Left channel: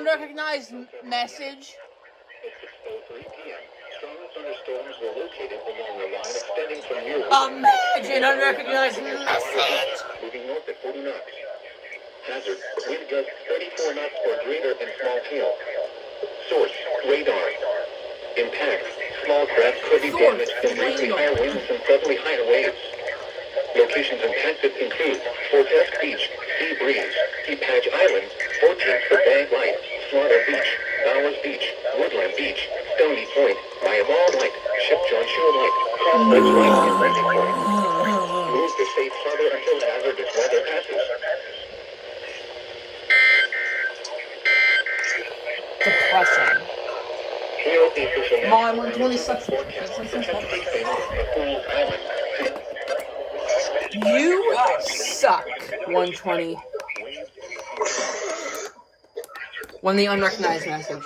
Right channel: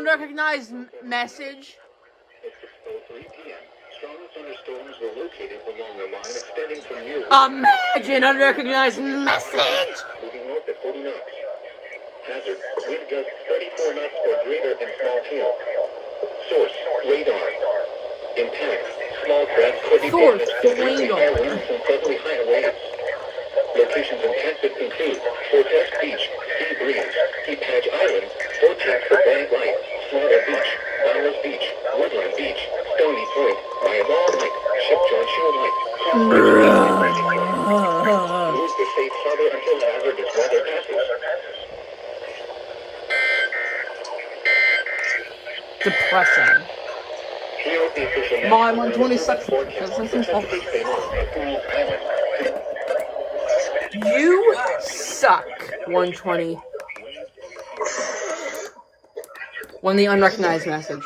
unrecognized message. It's 6:03 p.m. Strong thunderstorms were located along the line extending from New Imagine unrecognized message. moving north at 40 knots. Hazard, wind gusts 34 knots or greater in small hail. Source, radar. Impact, small craft could be damaged from briefly higher winds and suddenly higher waves. Locations impacted include Fortest Beach, Sea Breeze, Deep Patch Island, 14th for Bag Light, Slaughter Beach, Bowers Beach, Woodland Beach, Stony Point, Mile Light, Ship John Shore Light, Crossroads Beach, and Randy Point. Move to safe harbor until hazardous weather passes. Depressing. Wr120 Sucks. You suck, 120. When the unrecognized message.